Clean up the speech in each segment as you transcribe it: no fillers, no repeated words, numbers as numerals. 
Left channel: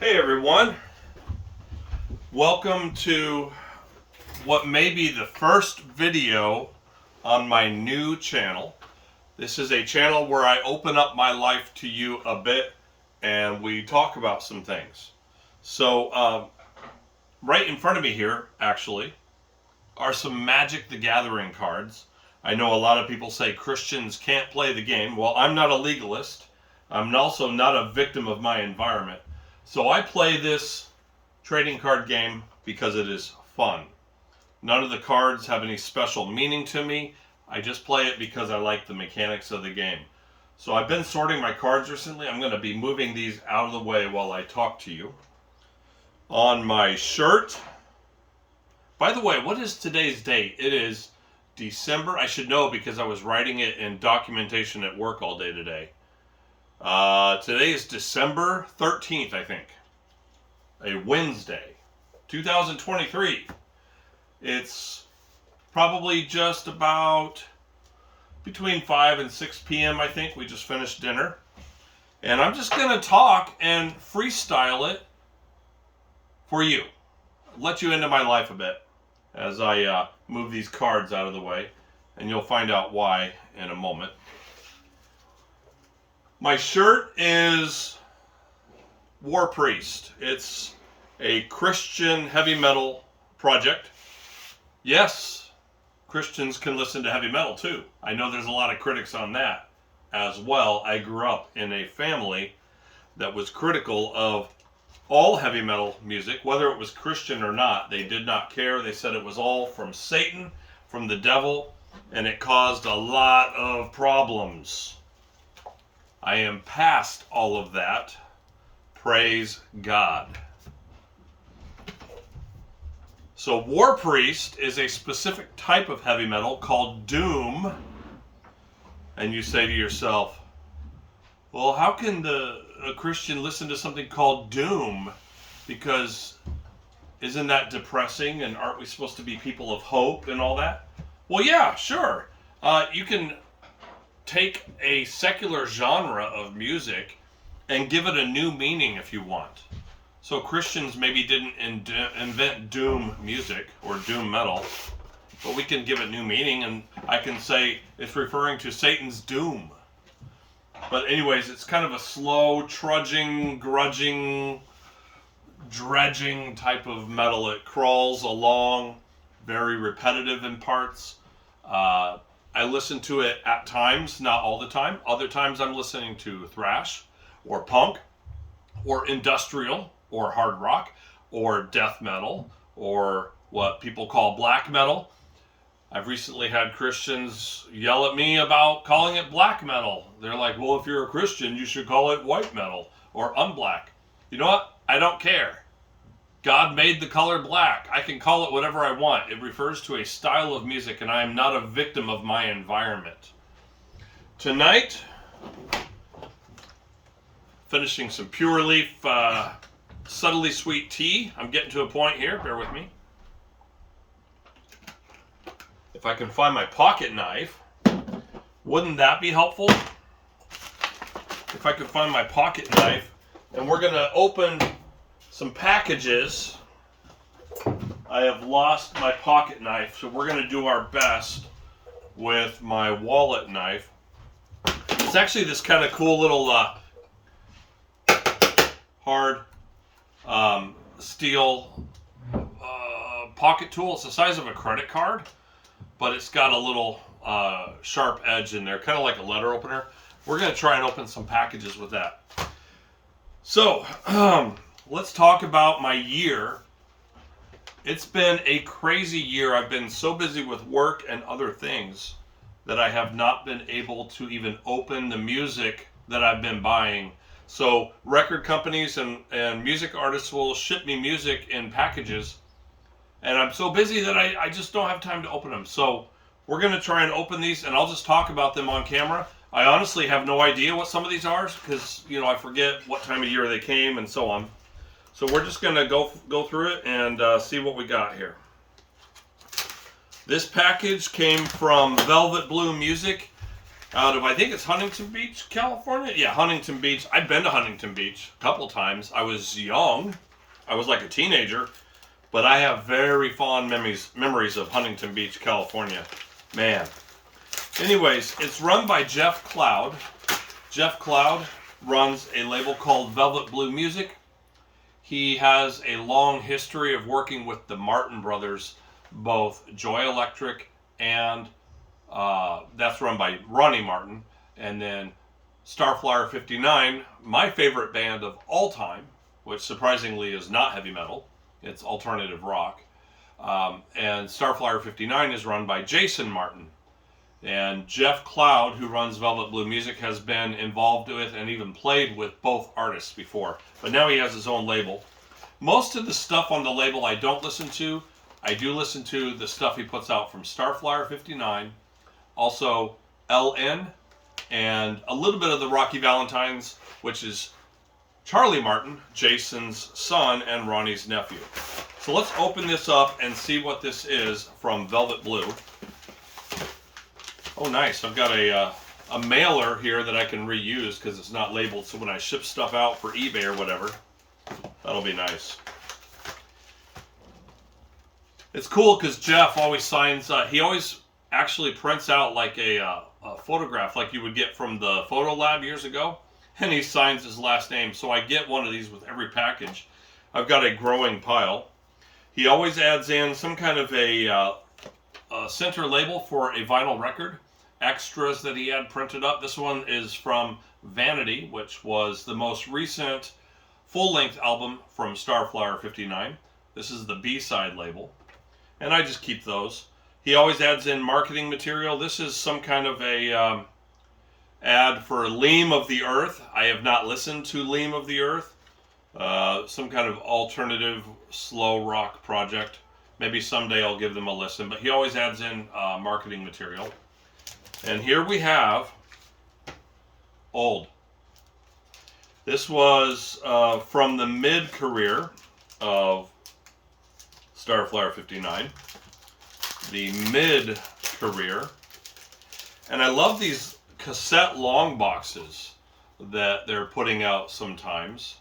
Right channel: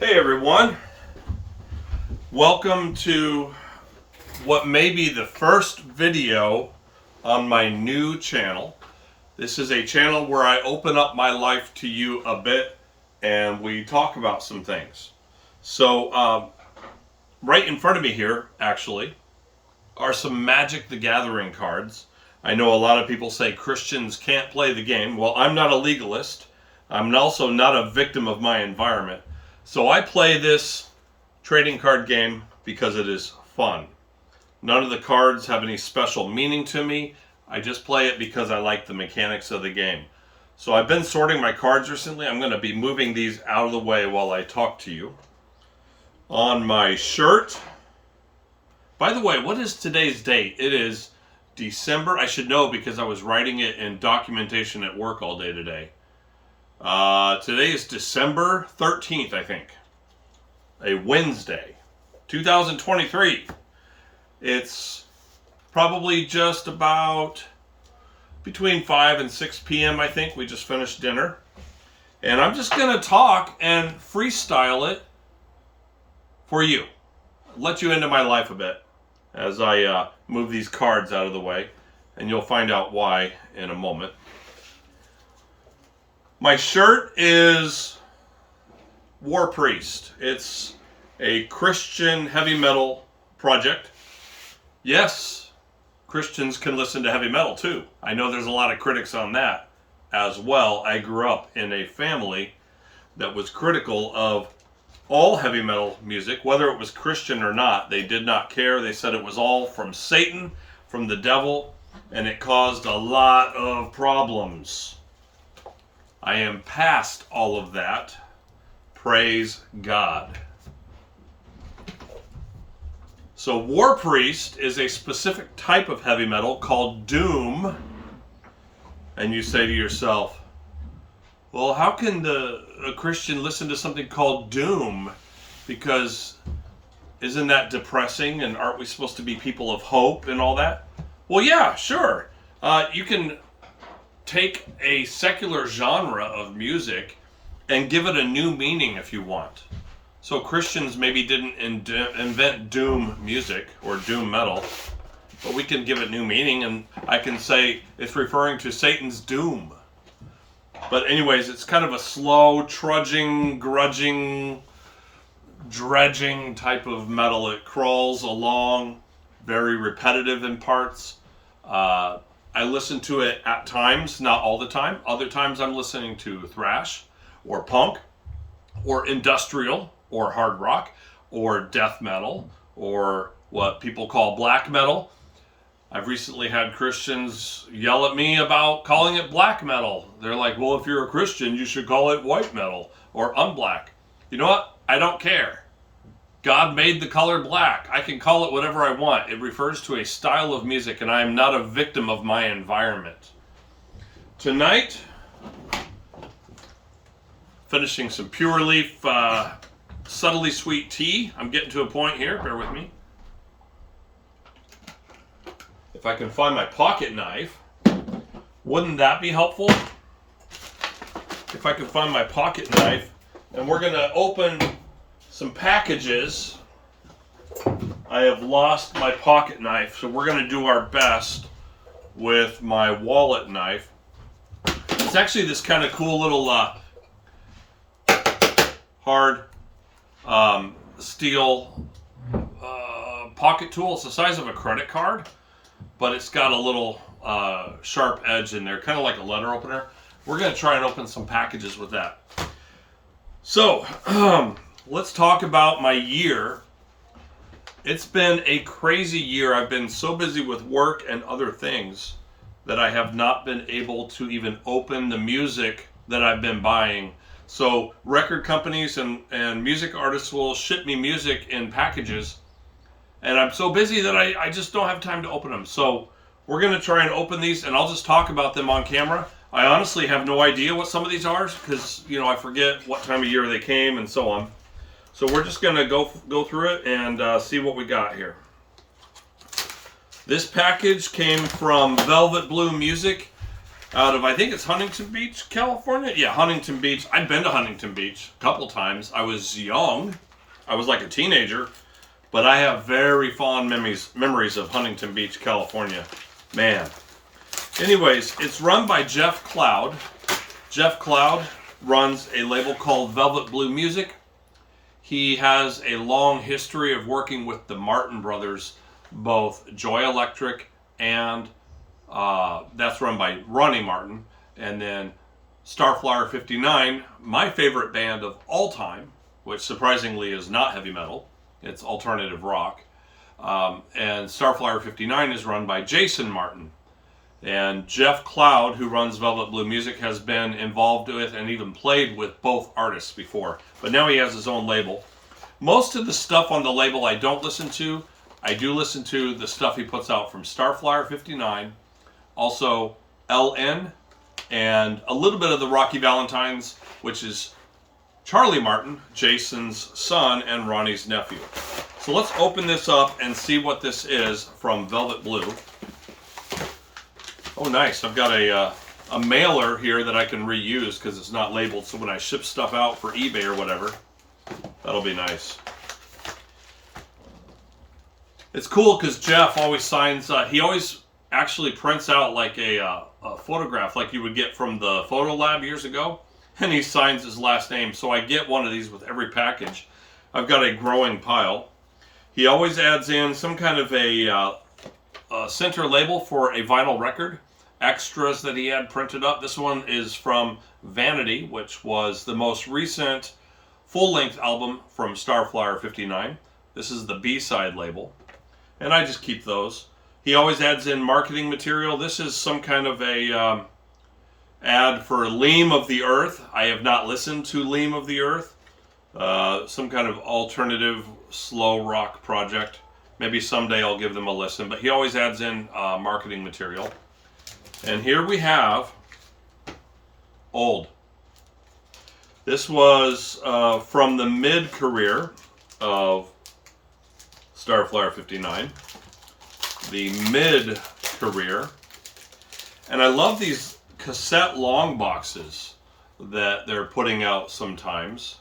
Hey everyone, welcome to what may be the first video on my new channel. This is a channel where I open up my life to you a bit and we talk about some things. So right in front of me here actually are some Magic the Gathering cards. I know a lot of people say Christians can't play the game. Well, I'm not a legalist. I'm also not a victim of my environment. So I play this trading card game because it is fun. None of the cards have any special meaning to me. I just play it because I like the mechanics of the game. So I've been sorting my cards recently. I'm going to be moving these out of the way while I talk to you. On my shirt, by the way, what is today's date? It is December. I should know because I was writing it in documentation at work all day today. Today is December 13th, I think. A Wednesday, 2023. It's probably just about between 5 and 6 p.m., I think. We just finished dinner. And I'm just going to talk and freestyle it for you. Let you into my life a bit as I move these cards out of the way. And you'll find out why in a moment. My shirt is War Priest. It's a Christian heavy metal project. Yes, Christians can listen to heavy metal too. I know there's a lot of critics on that as well. I grew up in a family that was critical of all heavy metal music, whether it was Christian or not. They did not care. They said it was all from Satan, from the devil, and it caused a lot of problems. I am past all of that. Praise God. So War Priest is a specific type of heavy metal called doom. And you say to yourself, well, how can a Christian listen to something called doom? Because isn't that depressing, and aren't we supposed to be people of hope and all that? Well, yeah, sure. You can take a secular genre of music and give it a new meaning if you want. So Christians maybe didn't invent doom music or doom metal, but we can give it new meaning, and I can say it's referring to Satan's doom. But anyways, it's kind of a slow, trudging, grudging, dredging type of metal. It crawls along, very repetitive in parts. I listen to it at times, not all the time. Other times I'm listening to thrash or punk or industrial or hard rock or death metal or what people call black metal. I've recently had Christians yell at me about calling it black metal. They're like, well, if you're a Christian, you should call it white metal or unblack. You know what? I don't care. God made the color black. I can call it whatever I want. It refers to a style of music, and I am not a victim of my environment. Tonight, finishing some Pure Leaf Subtly Sweet tea. I'm getting to a point here. Bear with me. If I can find my pocket knife, wouldn't that be helpful? If I can find my pocket knife, and we're going to open some packages. I have lost my pocket knife, so we're going to do our best with my wallet knife. It's actually this kind of cool little hard steel pocket tool. It's the size of a credit card, but it's got a little sharp edge in there, kind of like a letter opener. We're going to try and open some packages with that. So, let's talk about my year. It's been a crazy year. I've been so busy with work and other things that I have not been able to even open the music that I've been buying. So record companies and music artists will ship me music in packages, and I'm so busy that I just don't have time to open them. So we're going to try and open these, and I'll just talk about them on camera. I honestly have no idea what some of these are because, I forget what time of year they came and so on. So we're just going to go through it and see what we got here. This package came from Velvet Blue Music. out of, I think it's Huntington Beach, California. Yeah, Huntington Beach. I've been to Huntington Beach a couple times. I was young. I was like a teenager. But I have very fond memories of Huntington Beach, California. Man. Anyways, it's run by Jeff Cloud. Jeff Cloud runs a label called Velvet Blue Music. He has a long history of working with the Martin Brothers, both Joy Electric and that's run by Ronnie Martin. And then Starflyer 59, my favorite band of all time, which surprisingly is not heavy metal. It's alternative rock. And Starflyer 59 is run by Jason Martin. And Jeff Cloud, who runs Velvet Blue Music, has been involved with and even played with both artists before. But now he has his own label. Most of the stuff on the label I don't listen to. I do listen to the stuff he puts out from Starflyer 59, also LN, and a little bit of the Rocky Valentines, which is Charlie Martin, Jason's son and Ronnie's nephew. So let's open this up and see what this is from Velvet Blue. Oh, nice. I've got a mailer here that I can reuse because it's not labeled. So when I ship stuff out for eBay or whatever, that'll be nice. It's cool because Jeff always signs, he always actually prints out like a photograph like you would get from the photo lab years ago. And he signs his last name. So I get one of these with every package. I've got a growing pile. He always adds in some kind of a center label for a vinyl record. Extras that he had printed up. This one is from Vanity, which was the most recent full-length album from Starflyer 59. This is the B-side label. And I just keep those. He always adds in marketing material. This is some kind of a ad for Leam of the Earth. I have not listened to Leam of the Earth. Some kind of alternative slow rock project. Maybe someday I'll give them a listen. But he always adds in marketing material. And here we have Old. This was from the mid-career of Starflyer 59. The mid-career. And I love these cassette long boxes that they're putting out sometimes.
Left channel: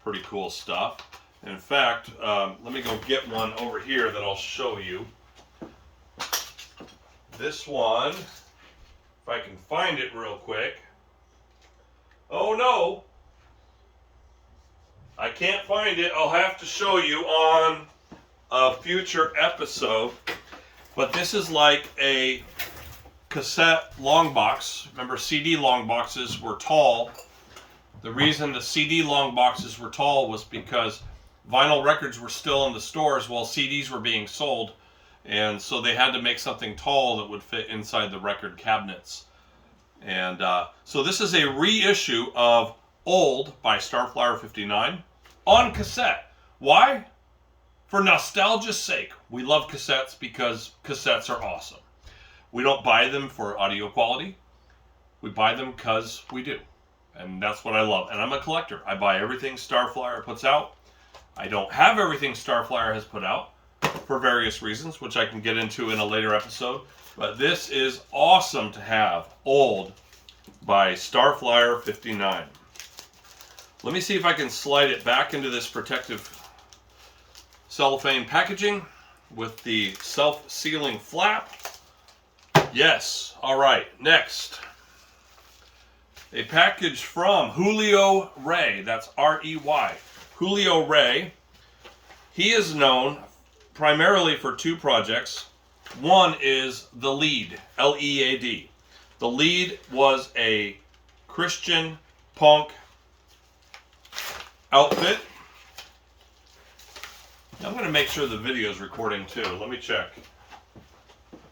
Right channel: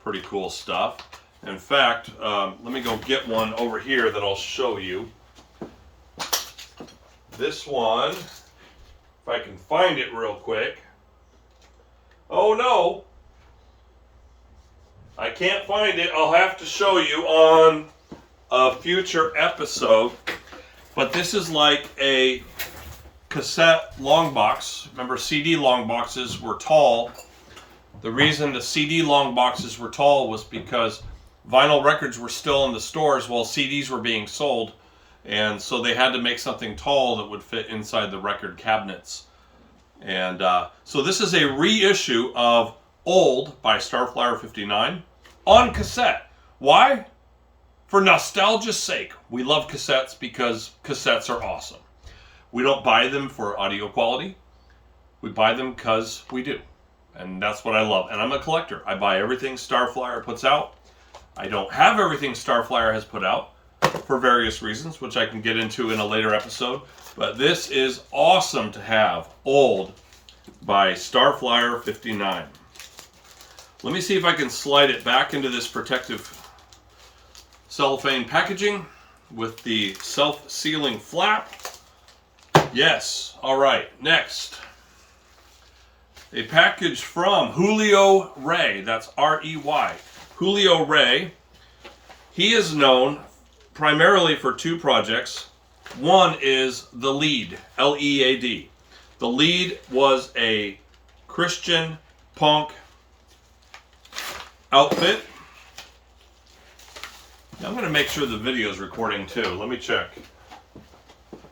Pretty cool stuff. In fact, let me go get one over here that I'll show you. This one, if I can find it real quick. Oh no, I can't find it. I'll have to show you on a future episode. But this is like a cassette long box. Remember, CD long boxes were tall. The reason the CD long boxes were tall was because vinyl records were still in the stores while CDs were being sold. And so they had to make something tall that would fit inside the record cabinets. And so this is a reissue of Old by Starflyer 59 on cassette. Why? For nostalgia's sake. We love cassettes because cassettes are awesome. We don't buy them for audio quality. We buy them because we do. And that's what I love. And I'm a collector. I buy everything Starflyer puts out. I don't have everything Starflyer has put out for various reasons, which I can get into in a later episode. But this is awesome to have. Old by Starflyer 59. Let me see if I can slide it back into this protective cellophane packaging with the self-sealing flap. Yes. All right. Next. A package from Julio Rey. That's R-E-Y. Julio Rey. He is known primarily for two projects. One is The Lead, L-E-A-D. The Lead was a Christian punk outfit. I'm going to make sure the video is recording too. Let me check.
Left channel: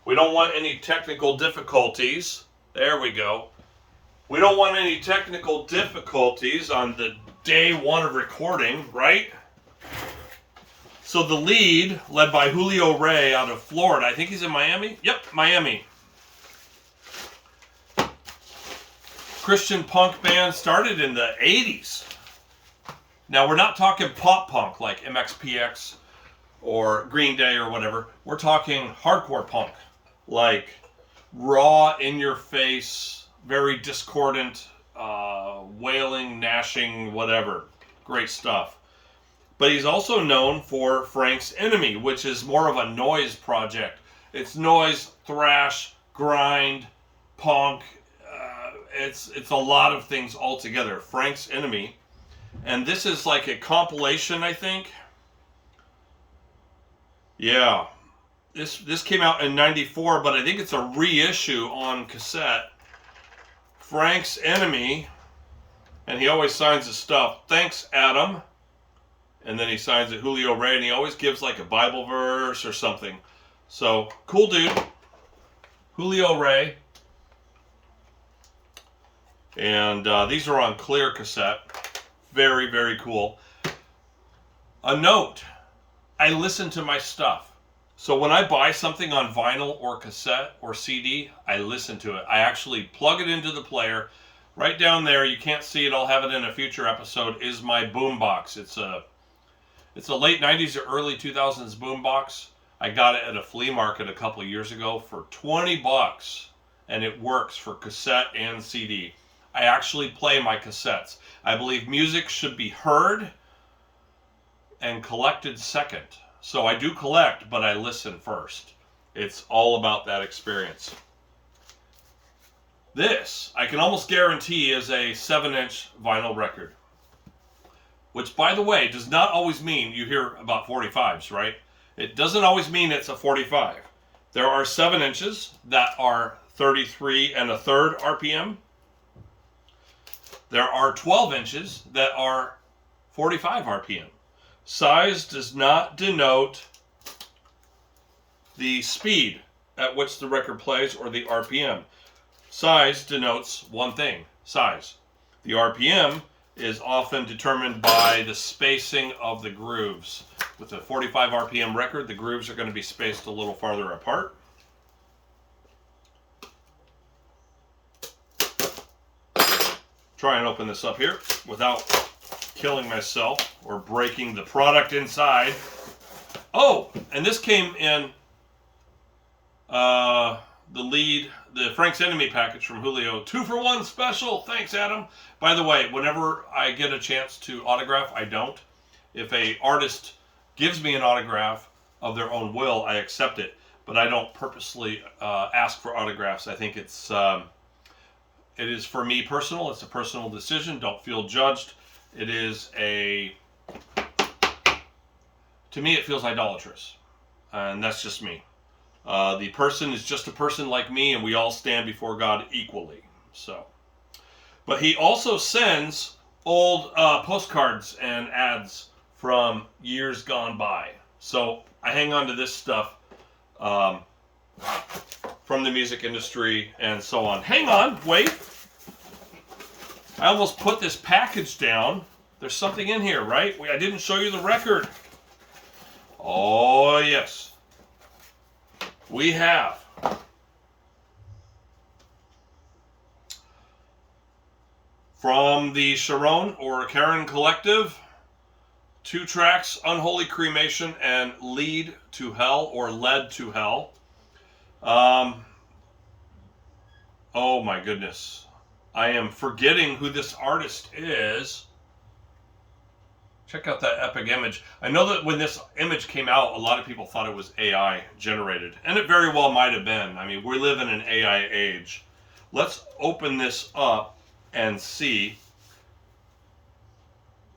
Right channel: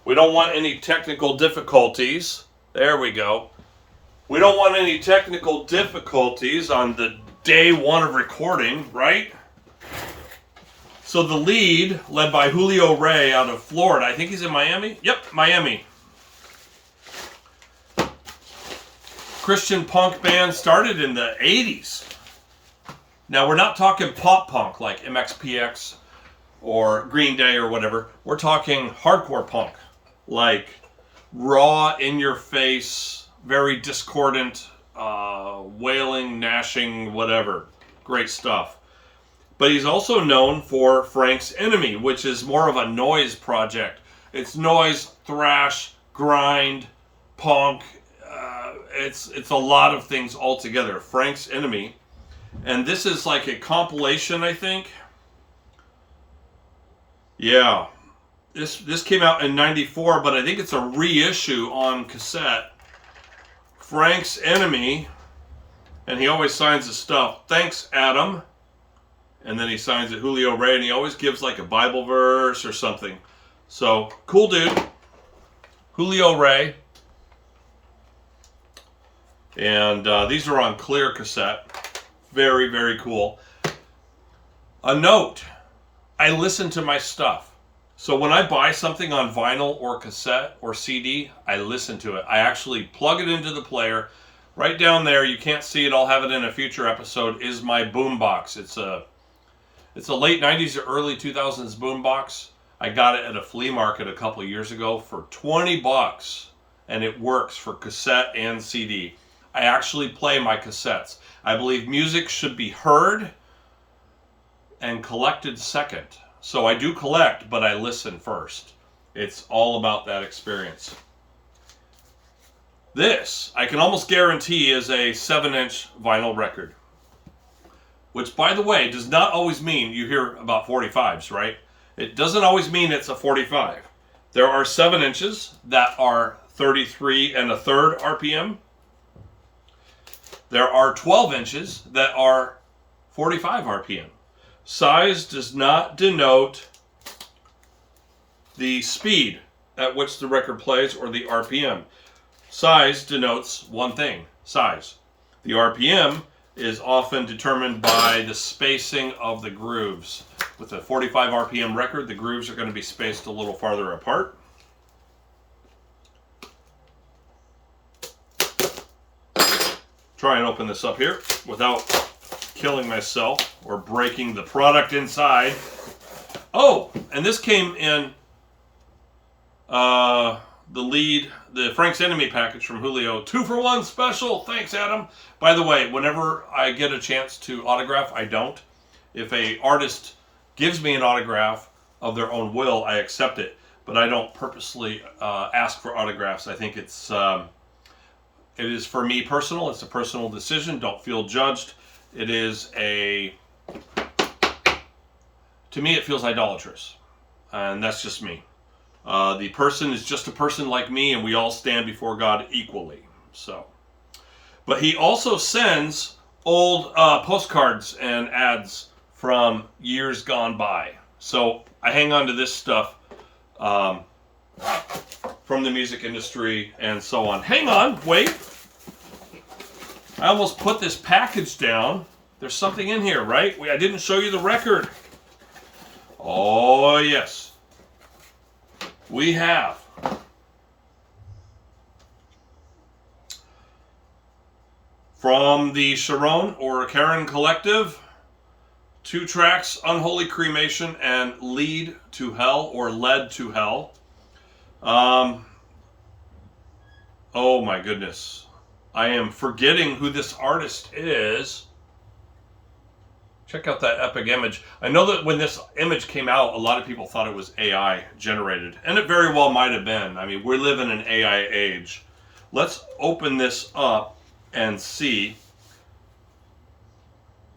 We don't want any technical difficulties. There we go. We don't want any technical difficulties on the day one of recording, right? So The Lead, led by Julio Rey out of Florida. I think he's in Miami. Yep, Miami. Christian punk band started in the 80s. Now, we're not talking pop punk like MXPX or Green Day or whatever. We're talking hardcore punk, like raw, in-your-face, very discordant, wailing, gnashing, whatever. Great stuff. But he's also known for Frank's Enemy, which is more of a noise project. It's noise, thrash, grind, punk. It's a lot of things all together. Frank's Enemy. And this is like a compilation, I think. Yeah. This came out in 94, but I think it's a reissue on cassette. Frank's Enemy. And he always signs his stuff. Thanks, Adam. And then he signs it Julio Rey, and he always gives like a Bible verse or something. So, cool dude. Julio Rey. And these are on clear cassette. Very, very cool. A note. I listen to my stuff. So when I buy something on vinyl or cassette or CD, I listen to it. I actually plug it into the player. Right down there, you can't see it, I'll have it in a future episode, is my boombox. It's a late 90s or early 2000s boombox. I got it at a flea market a couple of years ago for 20 bucks, and it works for cassette and CD. I actually play my cassettes. I believe music should be heard and collected second. So I do collect, but I listen first. It's all about that experience. This, I can almost guarantee, is a 7-inch vinyl record. Which, by the way, does not always mean you hear about 45s, right? It doesn't always mean it's a 45. There are 7 inches that are 33 1/3 RPM. There are 12 inches that are 45 RPM. Size does not denote the speed at which the record plays or the RPM. Size denotes one thing, size. The RPM is often determined by the spacing of the grooves. With a 45 RPM record, the grooves are going to be spaced a little farther apart. Try and open this up here without killing myself or breaking the product inside. Oh, and this came in the Frank's Enemy package from Julio. 2-for-1 special. Thanks, Adam. By the way, whenever I get a chance to autograph, I don't. If a artist gives me an autograph of their own will, I accept it. But I don't purposely ask for autographs. I think it is for me personal. It's a personal decision. Don't feel judged. It is to me, it feels idolatrous. And that's just me. The person is just a person like me, and we all stand before God equally. So, but he also sends old postcards and ads from years gone by. So I hang on to this stuff from the music industry and so on. Hang on, wait. I almost put this package down. There's something in here, right? I didn't show you the record. Oh, yes. We have from the Sharon or Karen Collective, 2 tracks, Unholy Cremation and Lead to Hell or Led to Hell. Oh my goodness. I am forgetting who this artist is. Check out that epic image. I know that when this image came out, a lot of people thought it was AI generated, and it very well might have been. I mean, we live in an AI age. Let's open this up and see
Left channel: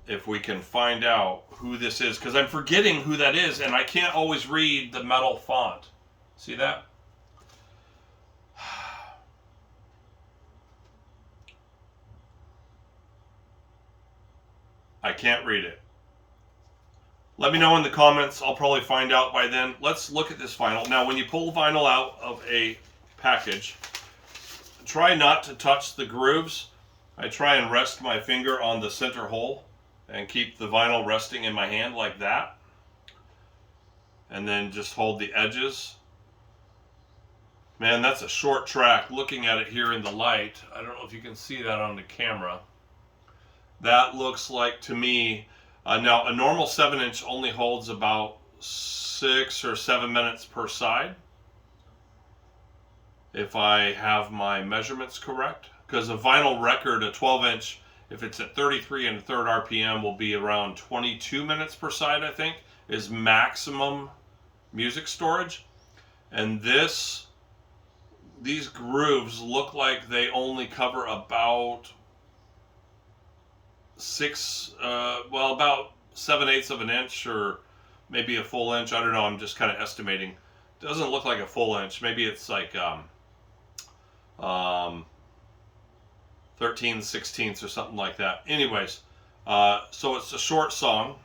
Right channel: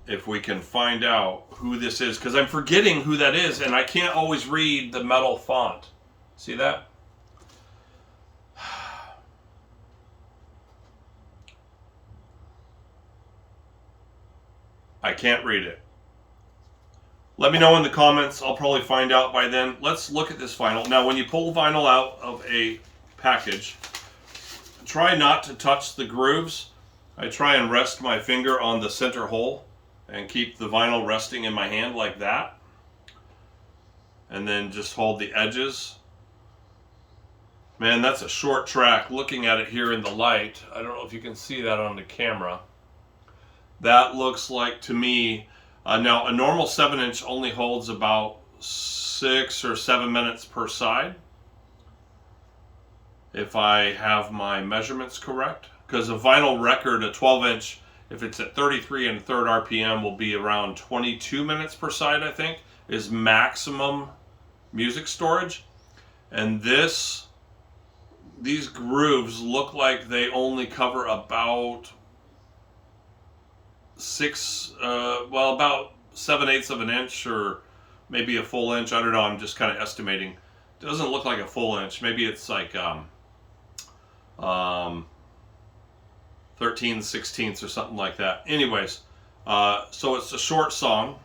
if we can find out who this is, because I'm forgetting who that is, and I can't always read the metal font. See that? I can't read it. Let me know in the comments. I'll probably find out by then. Let's look at this vinyl. Now, when you pull vinyl out of a package, try not to touch the grooves. I try and rest my finger on the center hole and keep the vinyl resting in my hand like that. And then just hold the edges. Man, that's a short track. Looking at it here in the light, I don't know if you can see that on the camera. That looks like, to me, now a normal 7-inch only holds about 6 or 7 minutes per side, if I have my measurements correct. because a vinyl record, a 12-inch, if it's at 33 and a third RPM, will be around 22 minutes per side, I think, is maximum music storage. And these grooves look like they only cover about about 7/8 of an inch, or maybe a full inch. I don't know. I'm just kind of estimating. Doesn't look like a full inch. Maybe it's like 13/16 or something like that. Anyways, so it's a short song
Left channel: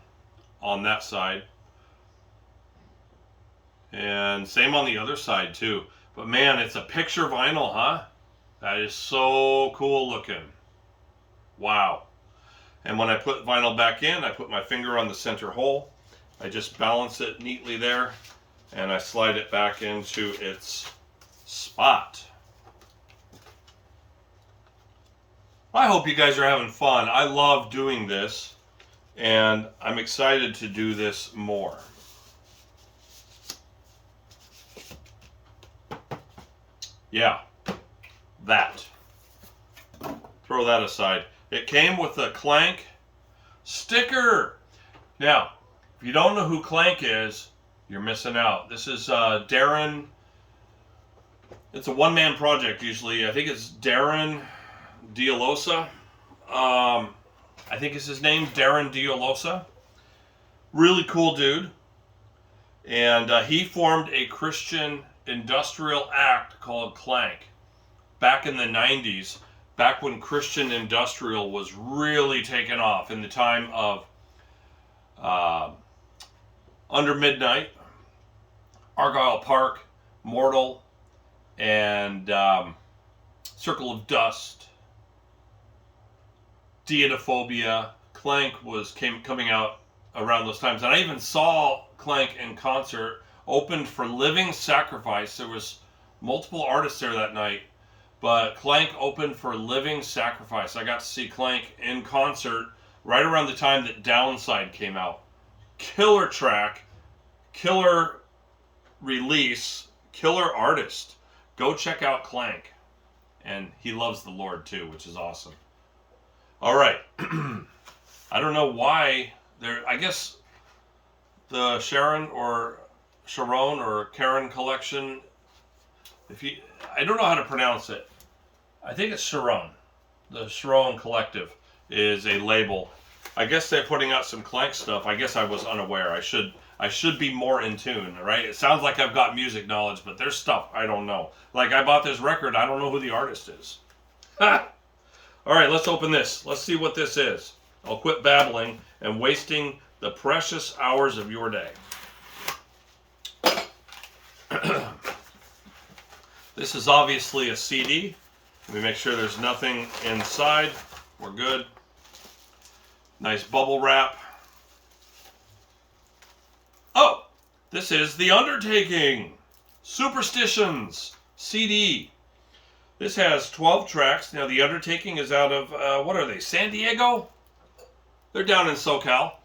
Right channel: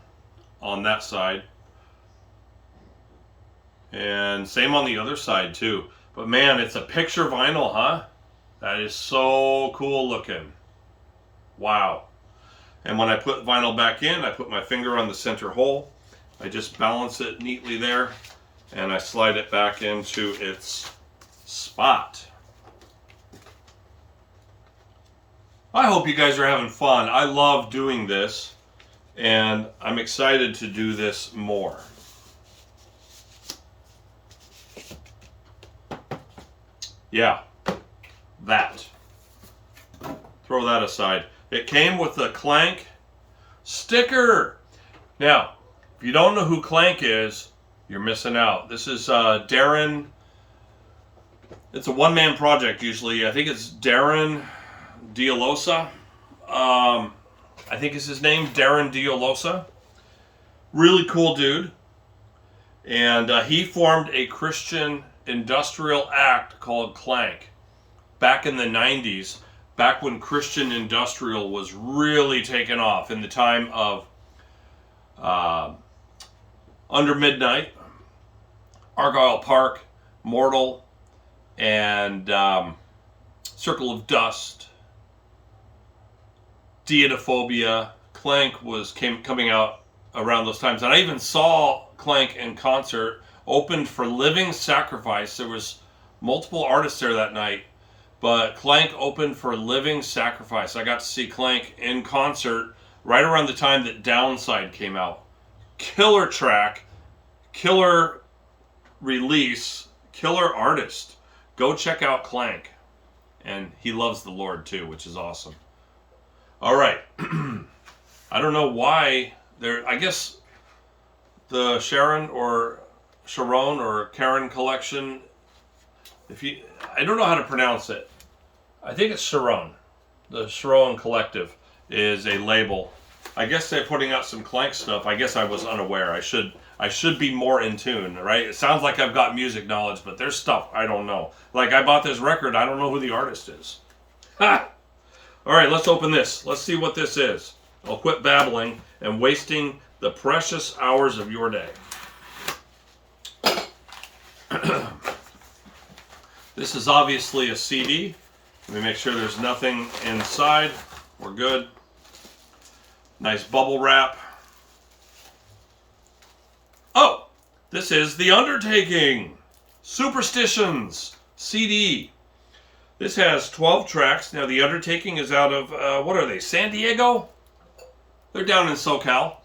on that side, and same on the other side too. But man, it's a picture vinyl, huh? That is so cool looking. Wow. And when I put vinyl back in, I put my finger on the center hole. I just balance it neatly there, and I slide it back into its spot. I hope you guys are having fun. I love doing this, and I'm excited to do this more. Yeah, that. Throw that aside. It came with a Clank sticker. Now, if you don't know who Clank is, you're missing out. This is Darren. It's a one-man project usually. I think it's Darren Dialosa. I think is his name, Darren Dialosa. Really cool dude. And he formed a Christian industrial act called Clank back in the 90s. Back when Christian industrial was really taking off in the time of Under Midnight, Argyle Park, Mortal, and Circle of Dust, Deitophobia. Clank was coming out around those times, and I even saw Clank in concert. Opened for Living Sacrifice. There was multiple artists there that night, but Clank opened for Living Sacrifice. I got to see Clank in concert right around the time that Downside came out. Killer track, killer release, killer artist. Go check out Clank. And he loves the Lord too, which is awesome. All right. I don't know why I guess the Sharon or Karen collection, I don't know how to pronounce it. I think it's Sharon. The Sharon Collective is a label. I guess they're putting out some Clank stuff. I guess I was unaware. I should be more in tune, right? It sounds like I've got music knowledge, but there's stuff I don't know. Like I bought this record, I don't know who the artist is. All right, let's open this. Let's see what this is. I'll quit babbling and wasting the precious hours of your day. This is obviously a CD. Let me make sure there's nothing inside. We're good. Nice bubble wrap. Oh, this is The Undertaking Superstitions CD. This has 12 tracks. Now, The Undertaking is out of, what are they, San Diego? They're down in SoCal.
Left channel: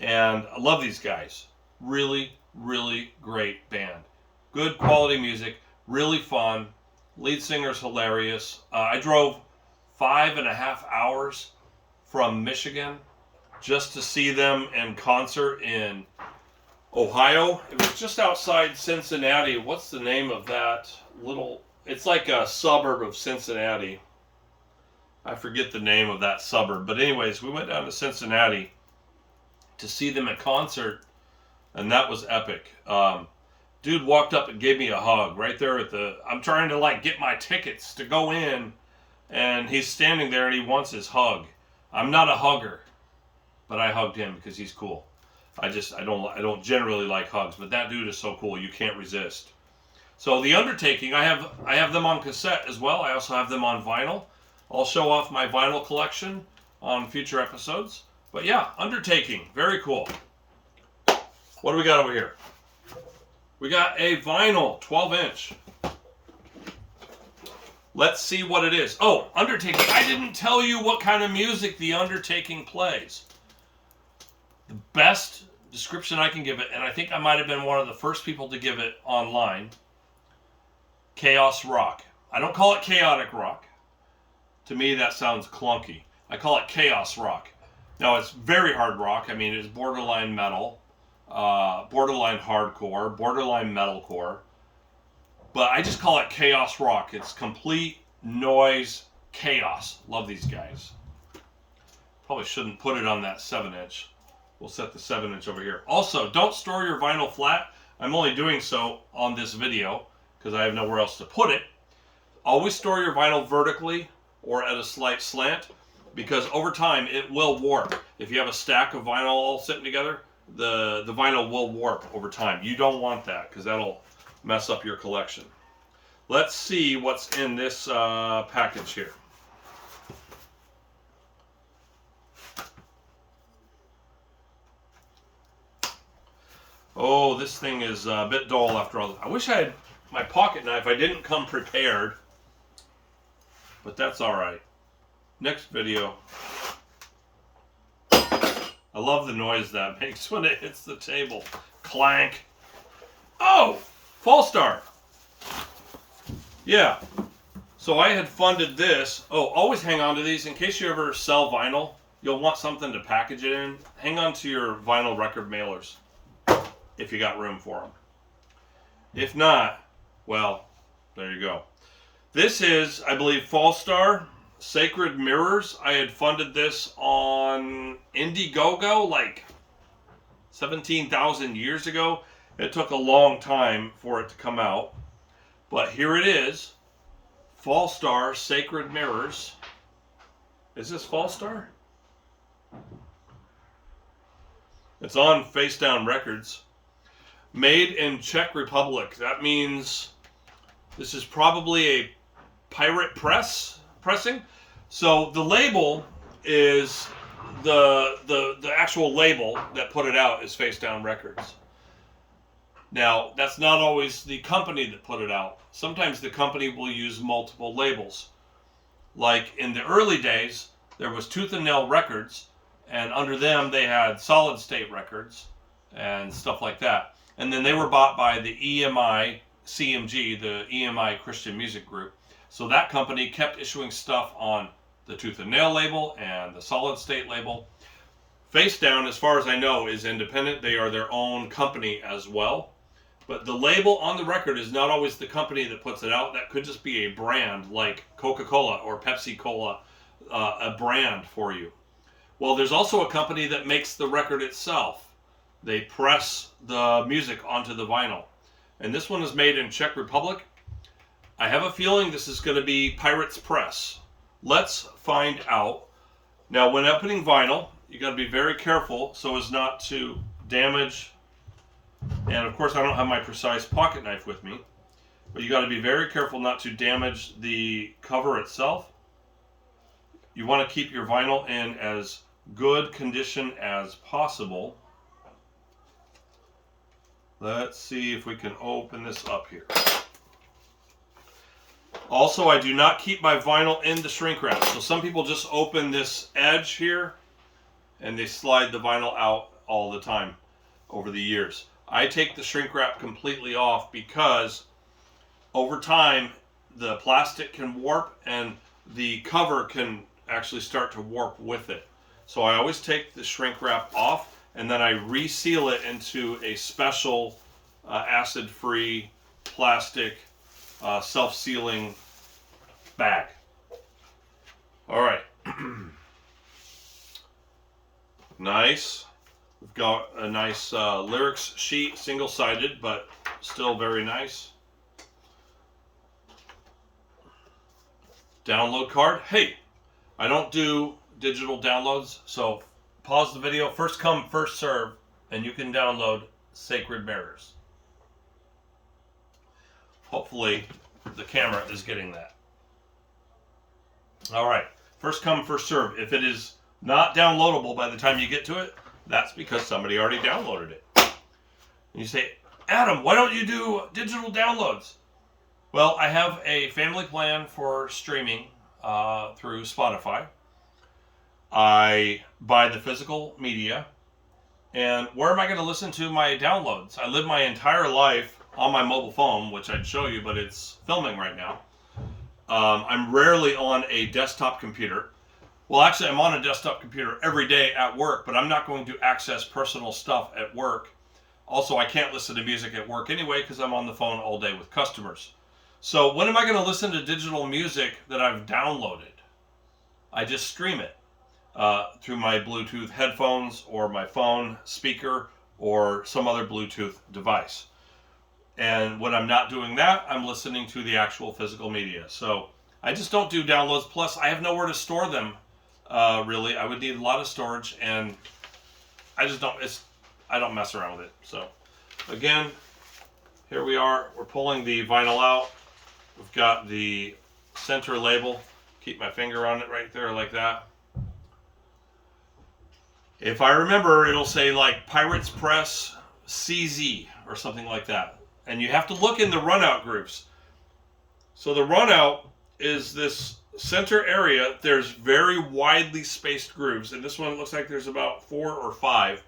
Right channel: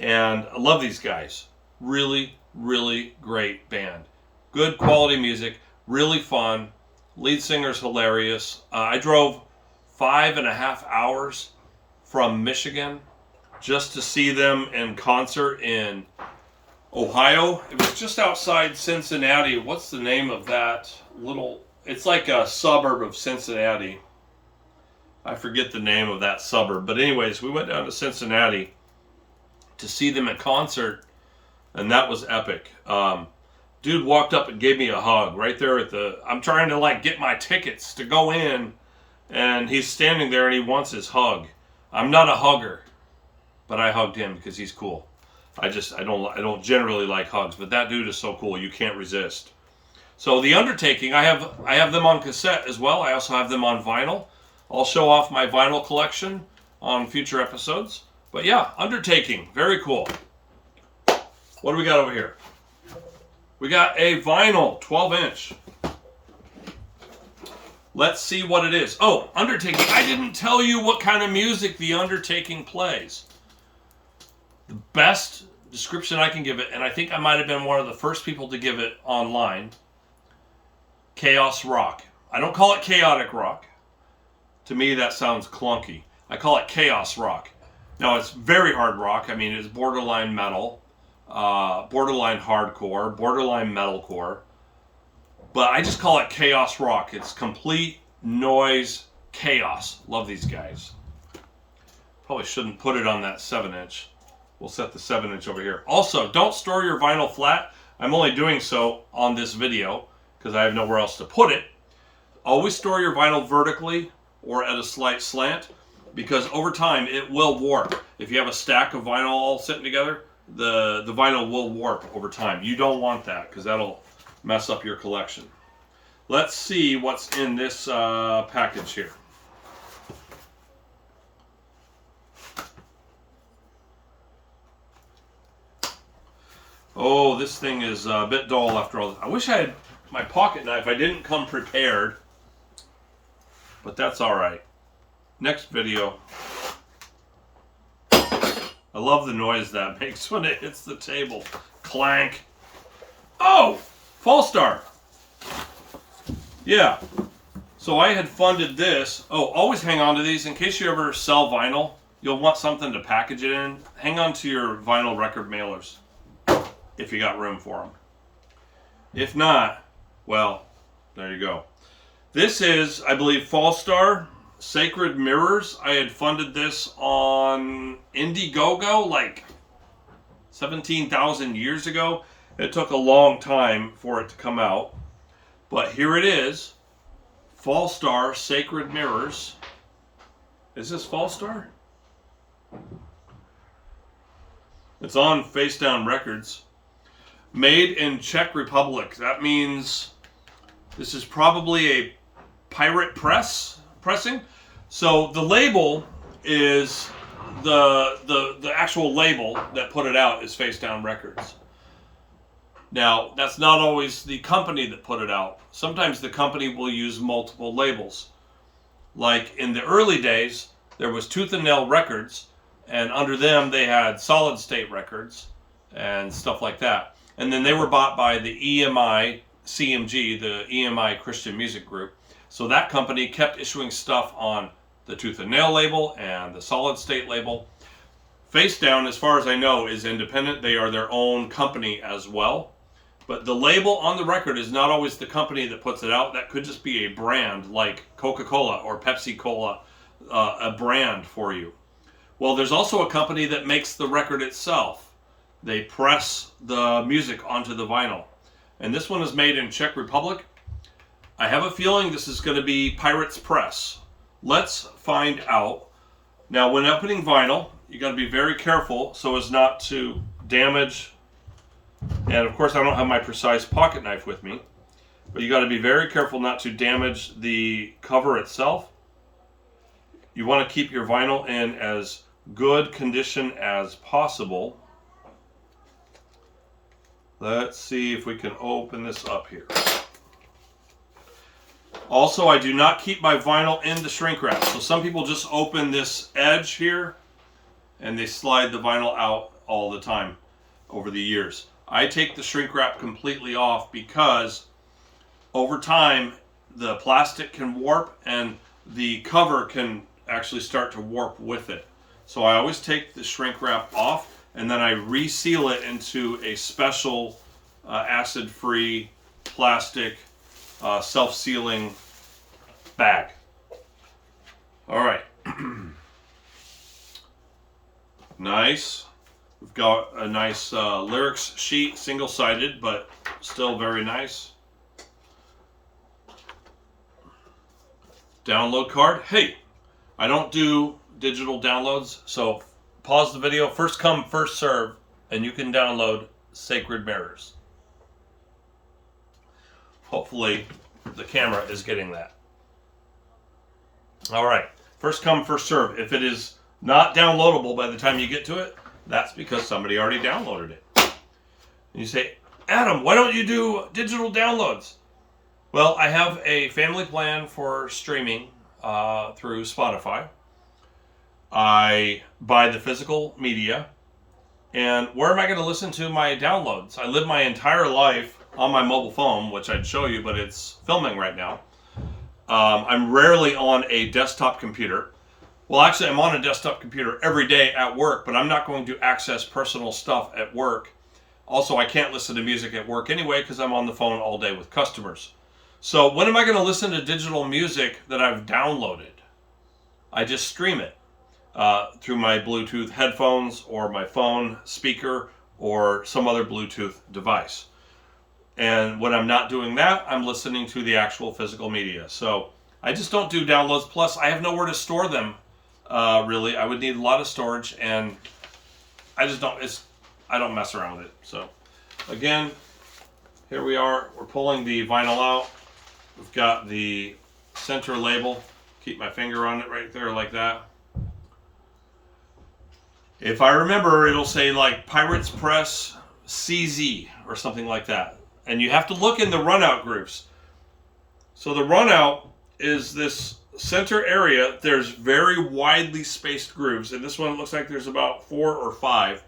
And I love these guys. Really, really great band. Good quality music. Really fun. Lead singer's hilarious. I drove 5.5 hours from Michigan just to see them in concert in Ohio. It was just outside Cincinnati. What's the name of that little... It's like a suburb of Cincinnati. I forget the name of that suburb. But anyways, we went down to Cincinnati to see them at concert, and that was epic. Dude walked up and gave me a hug right there at the... I'm trying to get my tickets to go in, and he's standing there and he wants his hug. I'm not a hugger, but I hugged him because he's cool. I don't generally like hugs, but that dude is so cool, you can't resist. So The Undertaking, I have them on cassette as well. I also have them on vinyl. I'll show off my vinyl collection on future episodes. But yeah, Undertaking, very cool. What do we got over here? We got a vinyl, 12-inch. Let's see what it is. Oh, Undertaking. I didn't tell you what kind of music The Undertaking plays. The best description I can give it, and I think I might have been one of the first people to give it online, chaos rock. I don't call it chaotic rock. to me that sounds clunky. I call it chaos rock. Now it's very hard rock. I mean, it's borderline metal, borderline hardcore, borderline metalcore. But I just call it chaos rock. It's complete noise chaos. Love these guys. Probably shouldn't put it on that 7-inch. We'll set the 7-inch over here. Also, don't store your vinyl flat. I'm only doing so on this video because I have nowhere else to put it. Always store your vinyl vertically or at a slight slant, because over time it will warp. If you have a stack of vinyl all sitting together, the vinyl will warp over time. You don't want that because that'll mess up your collection. Let's see what's in this package here. Oh, this thing is a bit dull after all this. I wish I had my pocket knife. I didn't come prepared, but that's all right. Next video. I love the noise that makes when it hits the table. Clank. Oh, Fallstar. Yeah. So I had funded this. Oh, always hang on to these in case you ever sell vinyl. You'll want something to package it in. Hang on to your vinyl record mailers if you got room for them. If not, well, there you go. This is, I believe, Fallstar Sacred Mirrors. I had funded this on Indiegogo like 17,000 years ago. It took a long time for it to come out. But here it is. Fallstar Sacred Mirrors. Is this Fallstar? It's on Face Down Records. Made in Czech Republic. That means this is probably a pirate pressing. So the label is the actual label that put it out is Face Down Records. Now, that's not always the company that put it out. Sometimes the company will use multiple labels. Like in the early days, there was Tooth and Nail Records, and under them they had Solid State Records and stuff like that. And then they were bought by the EMI CMG, the EMI Christian Music Group. So that company kept issuing stuff on the Tooth and Nail label and the Solid State label. Face Down, as far as I know, is independent. They are their own company as well. But the label on the record is not always the company that puts it out. That could just be a brand like Coca-Cola or Pepsi-Cola, a brand for you. Well, there's also a company that makes the record itself. They press the music onto the vinyl. And this one is made in Czech Republic. I have a feeling this is going to be Pirates Press. Let's find out. Now, when opening vinyl, you got to be very careful so as not to damage. And of course, I don't have my precise pocket knife with me, but you got to be very careful not to damage the cover itself. You want to keep your vinyl in as good condition as possible. Let's see if we can open this up here. Also, I do not keep my vinyl in the shrink wrap. So some people just open this edge here and they slide the vinyl out all the time over the years. I take the shrink wrap completely off because over time the plastic can warp and the cover can actually start to warp with it. So I always take the shrink wrap off and then I reseal it into a special acid-free plastic self-sealing bag. All right. Nice. We've got a nice lyrics sheet, single-sided, but still very nice. Download card. Hey, I don't do digital downloads, so pause the video. First come, first serve, and you can download Sacred Mirrors. Hopefully, the camera is getting that. All right. First come, first serve. If it is not downloadable by the time you get to it, that's because somebody already downloaded it. And you say, Adam, why don't you do digital downloads? Well, I have a family plan for streaming through Spotify. I buy the physical media. And where am I going to listen to my downloads? I live my entire life on my mobile phone, which I'd show you, but it's filming right now. I'm rarely on a desktop computer. Well, actually, I'm on a desktop computer every day at work, but I'm not going to access personal stuff at work. Also, I can't listen to music at work anyway because I'm on the phone all day with customers. So when am I going to listen to digital music that I've downloaded? I just stream it through my Bluetooth headphones or my phone speaker or some other Bluetooth device. And when I'm not doing that, I'm listening to the actual physical media. So I just don't do downloads. Plus, I have nowhere to store them. Really, I would need a lot of storage, and I just don't. I don't mess around with it. So, again, here we are. We're pulling the vinyl out. We've got the center label. Keep my finger on it right there, like that. If I remember, it'll say like Pirates Press CZ or something like that. And you have to look in the runout groups. So the runout is this center area. There's very widely spaced grooves. And this one looks like there's about 4 or 5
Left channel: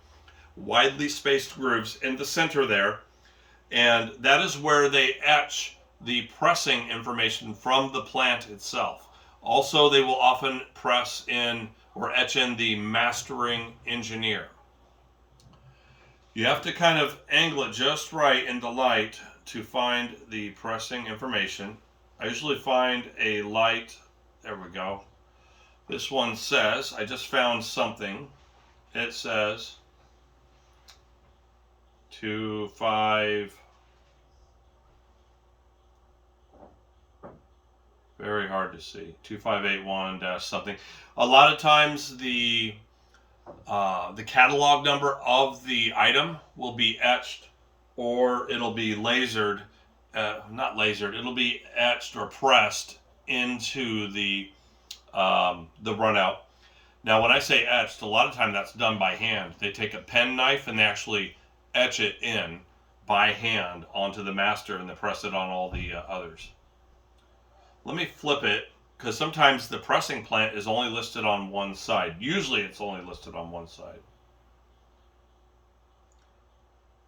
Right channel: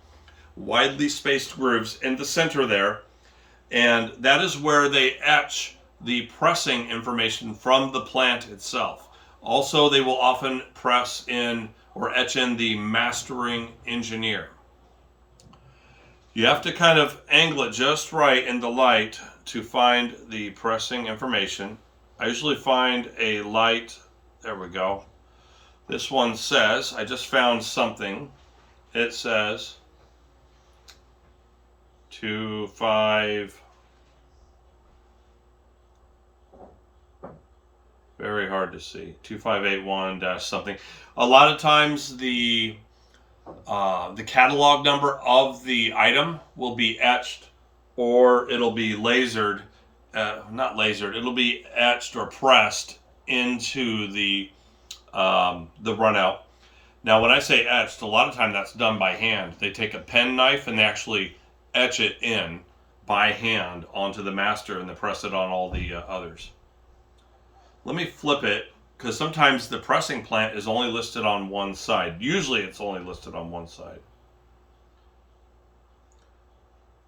widely spaced grooves in the center there. And that is where they etch the pressing information from the plant itself. Also, they will often press in or etch in the mastering engineer. You have to kind of angle it just right in the light to find the pressing information. I usually find a light, there we go. This one says, I just found something. It says 25, very hard to see, 2581 something. A lot of times the catalog number of the item will be etched, or it'll be lasered, not lasered, it'll be etched or pressed into the runout. Now, when I say etched, a lot of time that's done by hand. They take a pen knife and they actually etch it in by hand onto the master, and they press it on all the others. Let me flip it, because sometimes the pressing plant is only listed on one side. Usually it's only listed on one side.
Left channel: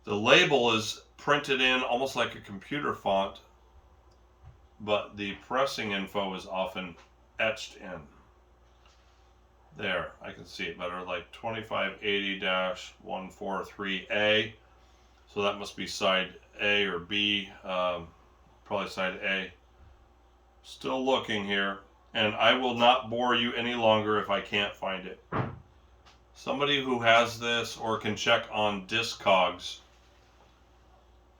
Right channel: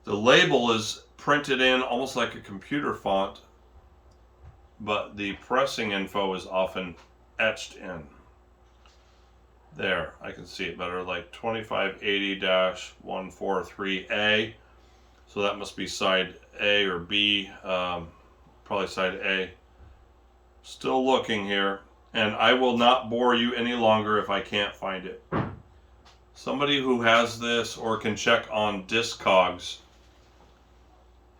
The label is printed in almost like a computer font, but the pressing info is often etched in. There, I can see it better, like 2580-143A. So that must be side A or B, probably side A. Still looking here, and I will not bore you any longer if I can't find it. Somebody who has this or can check on Discogs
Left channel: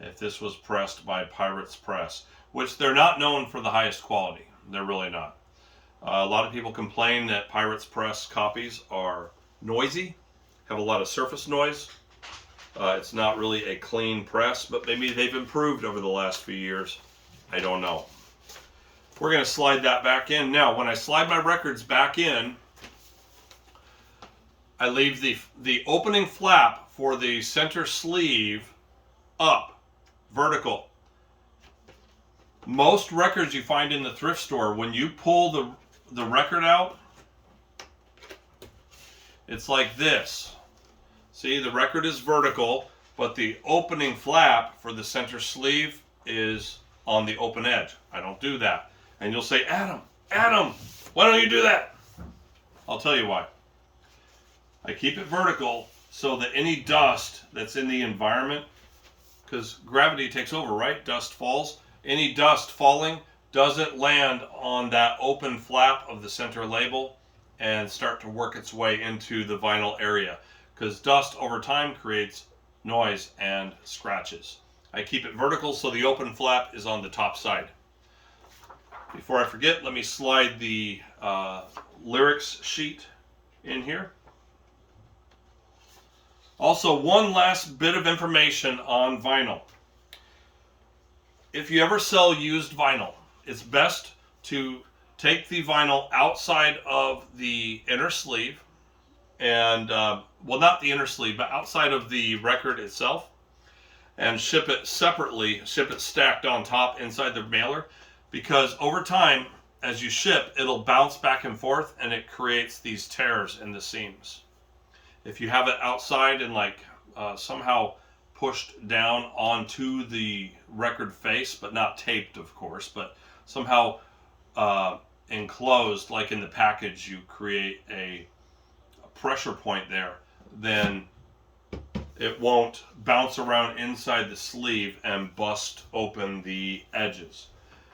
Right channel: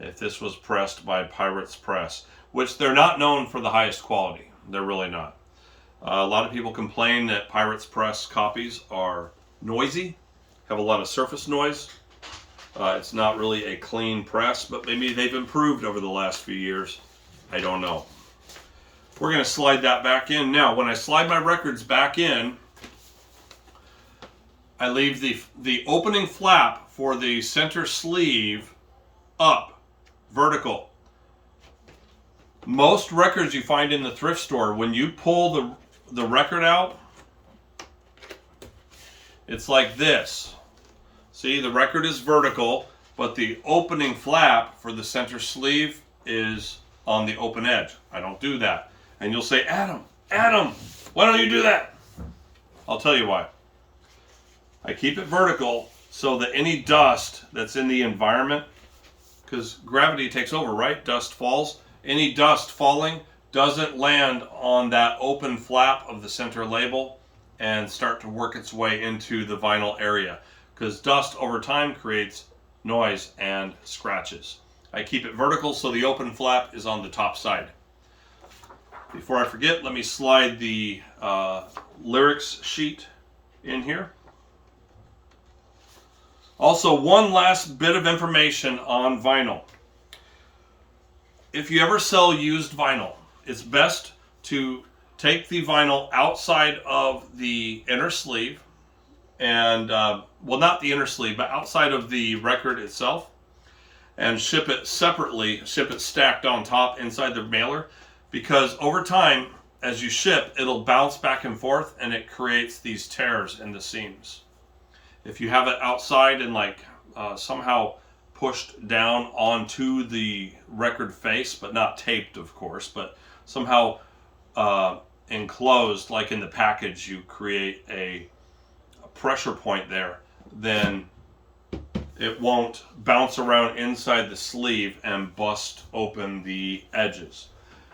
if this was pressed by Pirates Press, which they're not known for the highest quality. They're really not. A lot of people complain that Pirates Press copies are noisy, have a lot of surface noise. It's not really a clean press, but maybe they've improved over the last few years. I don't know. We're going to slide that back in. Now, when I slide my records back in, I leave the opening flap for the center sleeve up, vertical. Most records you find in the thrift store, when you pull the record out, it's like this. See, the record is vertical, but the opening flap for the center sleeve is on the open edge. I don't do that. And you'll say, Adam, why don't you do that? I'll tell you why. I keep it vertical so that any dust that's in the environment, because gravity takes over, right? Dust falls. Any dust falling doesn't land on that open flap of the center label and start to work its way into the vinyl area, because dust over time creates noise and scratches. I keep it vertical so the open flap is on the top side. Before I forget, let me slide the lyrics sheet in here. Also, one last bit of information on vinyl. If you ever sell used vinyl, it's best to take the vinyl outside of the inner sleeve and, well, not the inner sleeve, but outside of the record itself, and ship it separately, ship it stacked on top inside the mailer. Because over time, as you ship, it'll bounce back and forth and it creates these tears in the seams. If you have it outside and somehow pushed down onto the record face, but not taped, of course, but somehow enclosed, like in the package, you create a pressure point there, then it won't bounce around inside the sleeve and bust open the edges.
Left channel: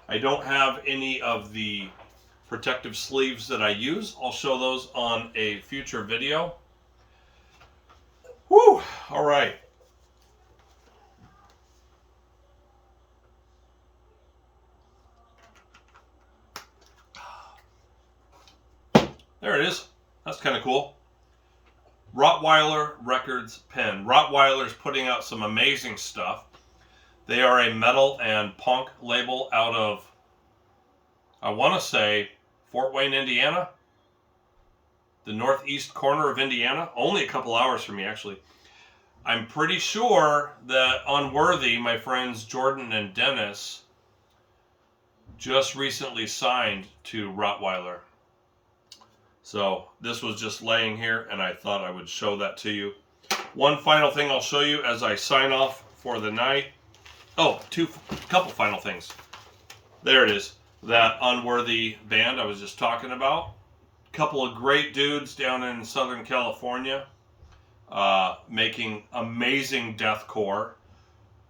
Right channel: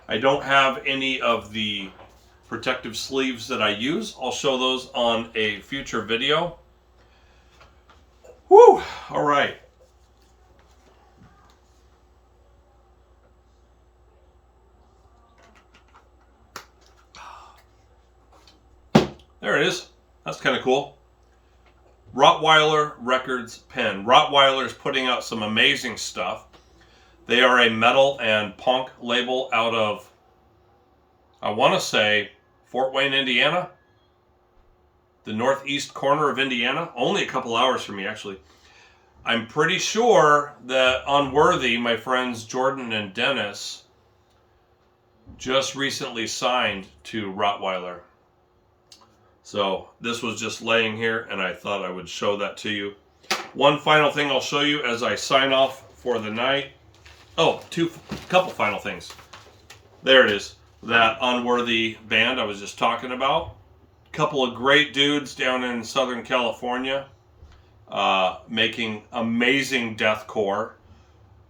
I don't have any of the protective sleeves that I use. I'll show those on a future video. Whew, all right. There it is. That's kind of cool. Rottweiler Records pen. Rottweiler is putting out some amazing stuff. They are a metal and punk label out of, I want to say, Fort Wayne, Indiana. The northeast corner of Indiana. Only a couple hours from me, actually. I'm pretty sure that Unworthy, my friends Jordan and Dennis, just recently signed to Rottweiler. So this was just laying here, and I thought I would show that to you. One final thing I'll show you as I sign off for the night. Oh, couple final things. There it is. That Unworthy band I was just talking about. Couple of great dudes down in Southern California, making amazing deathcore,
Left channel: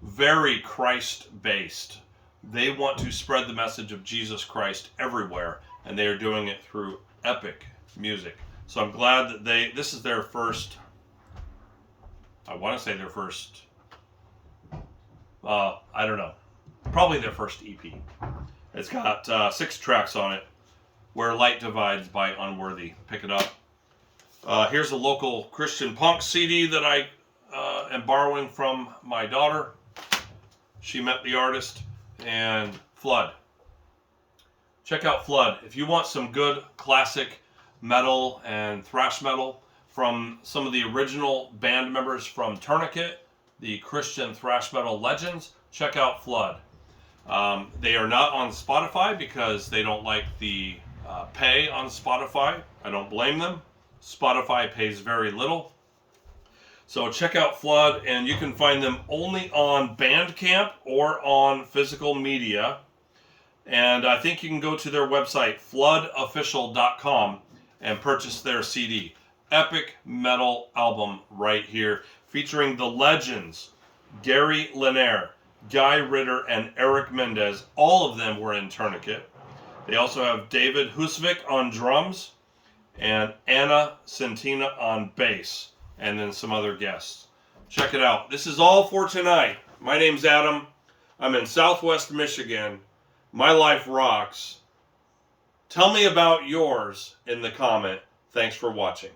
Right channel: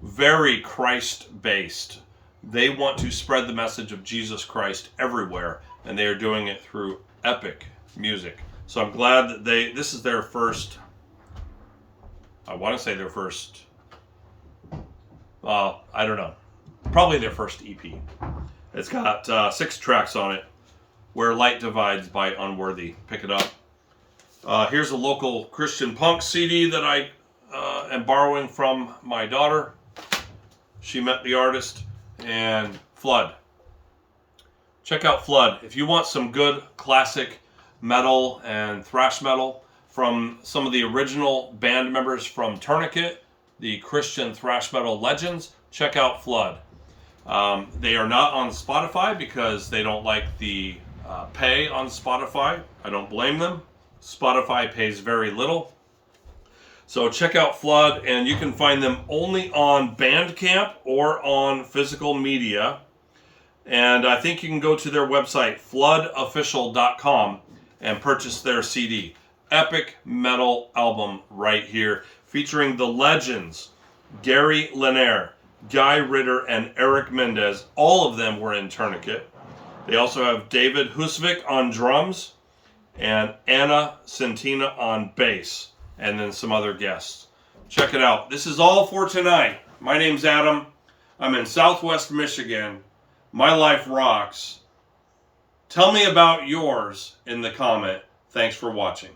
very Christ-based. They want to spread the message of Jesus Christ everywhere, and they are doing it through epic music. So I'm glad that this is their first, I want to say their first, I don't know, probably their first EP. It's got 6 tracks on it. Where Light Divides by Unworthy. Pick it up. Here's a local Christian punk CD that I am borrowing from my daughter. She met the artist. And Flood. Check out Flood. If you want some good classic metal and thrash metal from some of the original band members from Tourniquet, the Christian thrash metal legends, check out Flood. They are not on Spotify because they don't like the pay on Spotify. I don't blame them. Spotify pays very little. So check out Flood, and you can find them only on Bandcamp or on physical media. And I think you can go to their website, floodofficial.com, and purchase their CD. Epic metal album right here, featuring the legends, Gary Lanier, Guy Ritter, and Eric Mendez. All of them were in Tourniquet. They also have David Husvik on drums and Anna Centina on bass, and then some other guests. Check it out. This is all for tonight. My name's Adam. I'm in Southwest Michigan. My life rocks. Tell me about yours in the comment. Thanks for watching.